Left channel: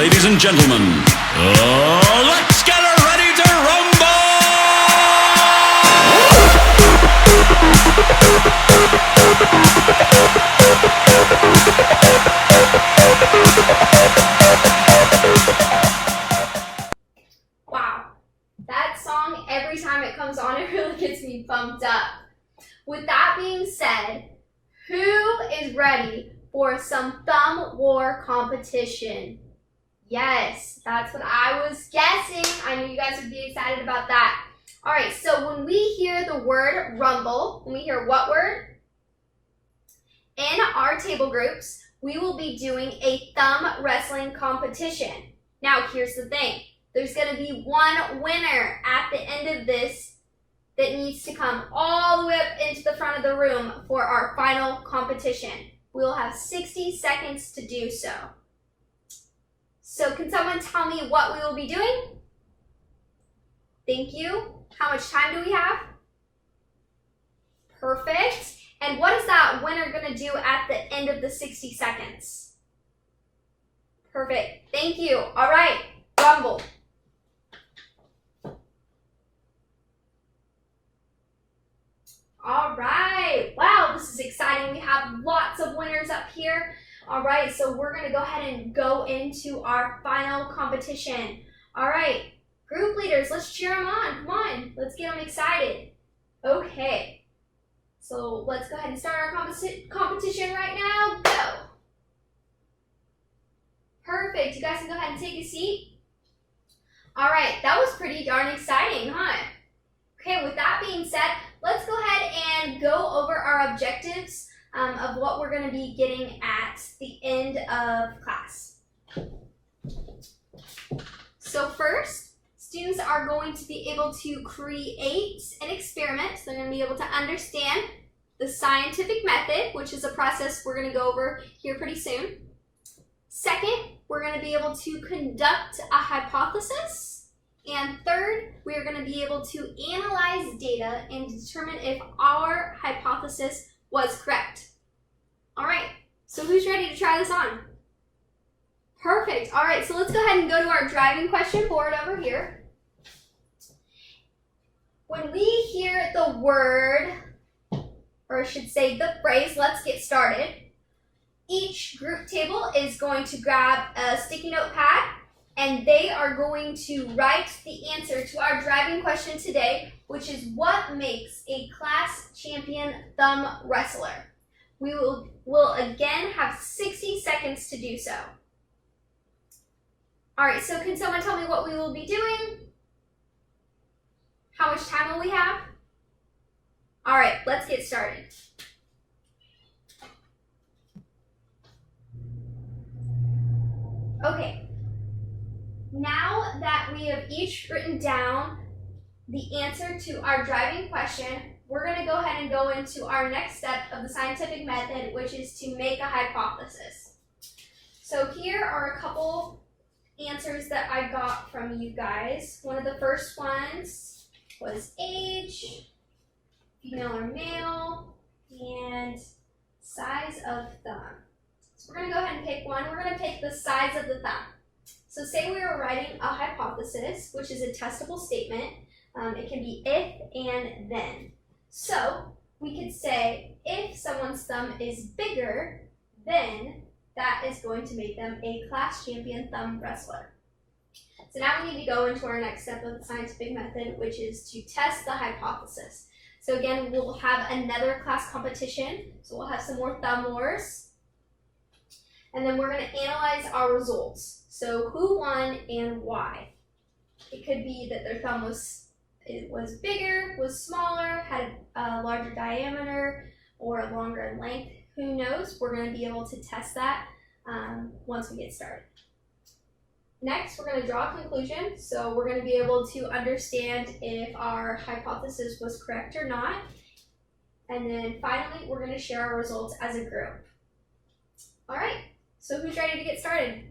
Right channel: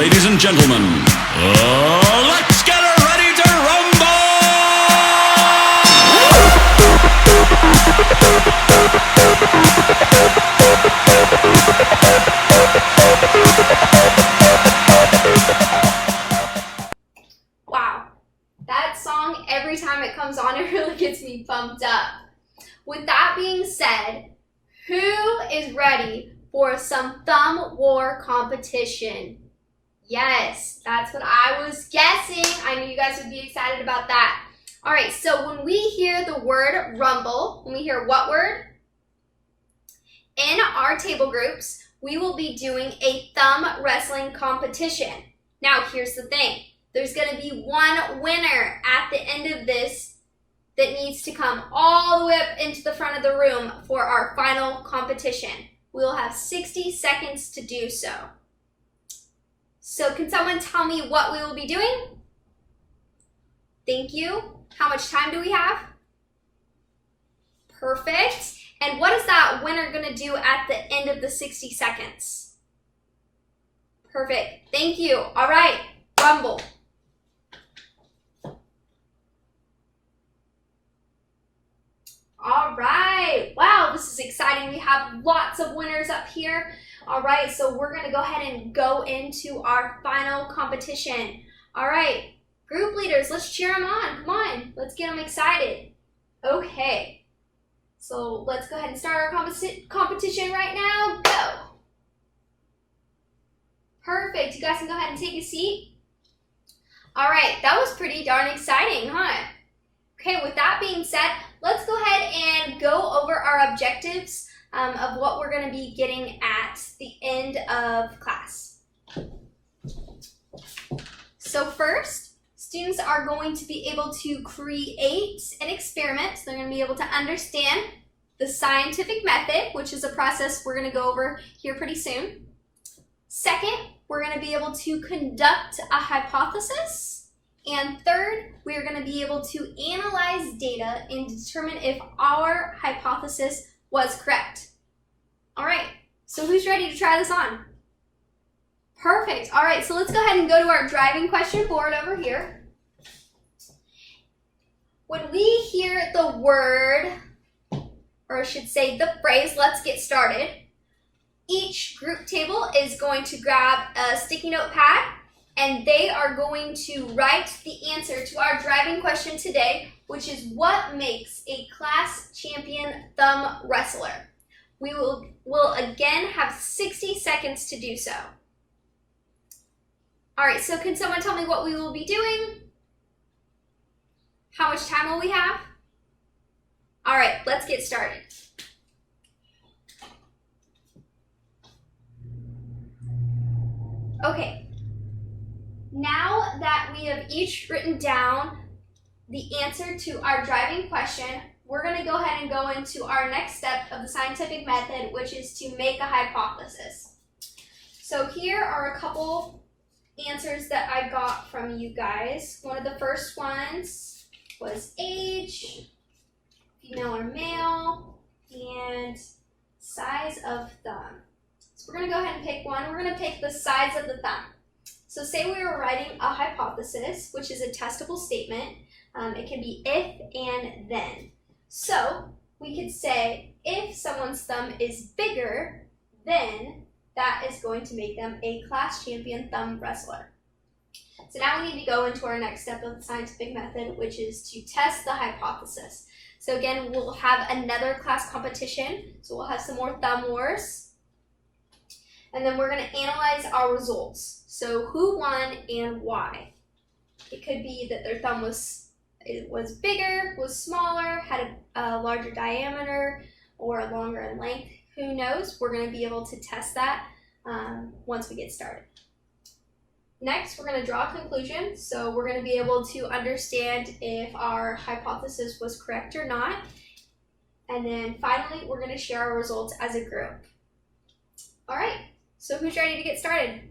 ladies and gentlemen, let's get ready to rumble! Wow, that song, every time it comes on, it really gets me pumped up. With that being said, who is ready for some thumb war competition? Yes, that's what I was guessing. I knew you guys would be excited about that. All right, so when we hear the word rumble, when we hear what word? In our table groups, we will be doing a thumb wrestling competition. Now, here's the thing. There's going to be one winner at the end of this that needs to come all the way up into the front of the room for our final competition. We'll have 60 seconds to do so. So can someone tell me what we will be doing? Thank you. How much time do we have? Perfect. And what is that winner going to do at the end of the 60 seconds? Perfect. Thank you. All right. Rumble. All right. Wow, this is exciting. We have lots of winners up here. All right, so we're going to go ahead and go into our final competition. All right, group leaders, let's cheer them on. Come on, let's get them excited. Okay, so let's go ahead and start our competition right now. Go. Perfect. You guys can go ahead and take a seat. All right, that was pretty darn exciting, huh? Okay, with that being said, let's go ahead and go over our objectives of what we're going to be getting at the end of class. So first, students are going to be able to create an experiment. So they're going to be able to understand the scientific method, which is a process we're going to go over here pretty soon. Second, we're going to be able to conduct a hypothesis. And third, we are going to be able to analyze data and determine if our hypothesis was correct. All right, so who's ready to try this on? Perfect. All right, so let's go ahead and go to our driving question board over here. When we hear the word, or I should say the phrase, let's get started, each group table is going to grab a sticky note pad and they are going to write the answer to our driving question today, which is what makes a class champion thumb wrestler. We will again have 60 seconds to do so. All right, so can someone tell me what we will be doing? How much time will we have? All right, let's get started. Okay. Now that we have each written down the answer to our driving question, we're going to go ahead and go into our next step of the scientific method, which is to make a hypothesis. So here are a couple answers that I got from you guys. One of the first ones was age, female or male, and size of thumb. So we're going to go ahead and pick one. We're going to pick the size of the thumb. So say we were writing a hypothesis, which is a testable statement. It can be if and then. So we could say if someone's thumb is bigger, then that is going to make them a class champion thumb wrestler. So now we need to go into our next step of the scientific method, which is to test the hypothesis. So again, we'll have another class competition. So we'll have some more thumb wars. And then we're going to analyze our results. So who won and why? It could be that their thumb was bigger, was smaller, had a larger diameter, or longer in length. Who knows? We're going to be able to test that once we get started. Next, we're going to draw a conclusion. So we're going to be able to understand if our hypothesis was correct or not. And then finally, we're going to share our results as a group. All right. So who's ready to get started?